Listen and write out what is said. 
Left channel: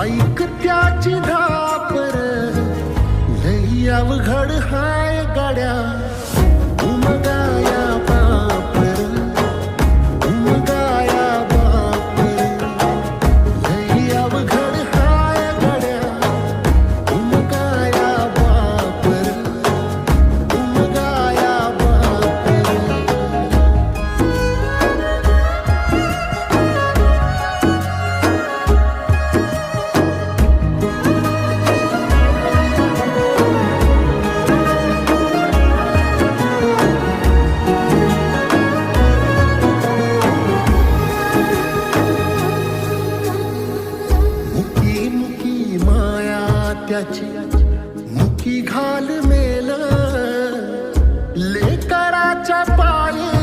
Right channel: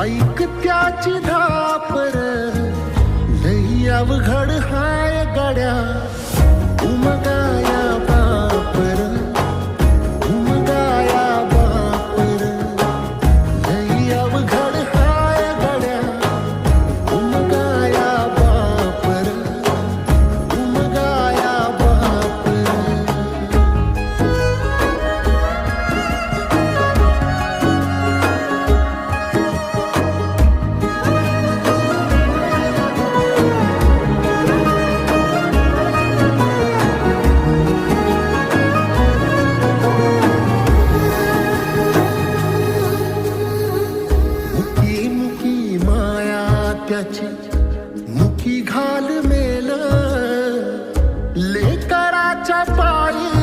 ऐक त्याची धापर, लई अवघड हाय गाड्या, उमगाया बापर, उमगाया बापर, लई अवघड हाय गाड्या, उमगाया बापर, उमगाया बापर. मुकी मुकी माया त्याची, मुकी घाल मेल, लेकराच्या पायी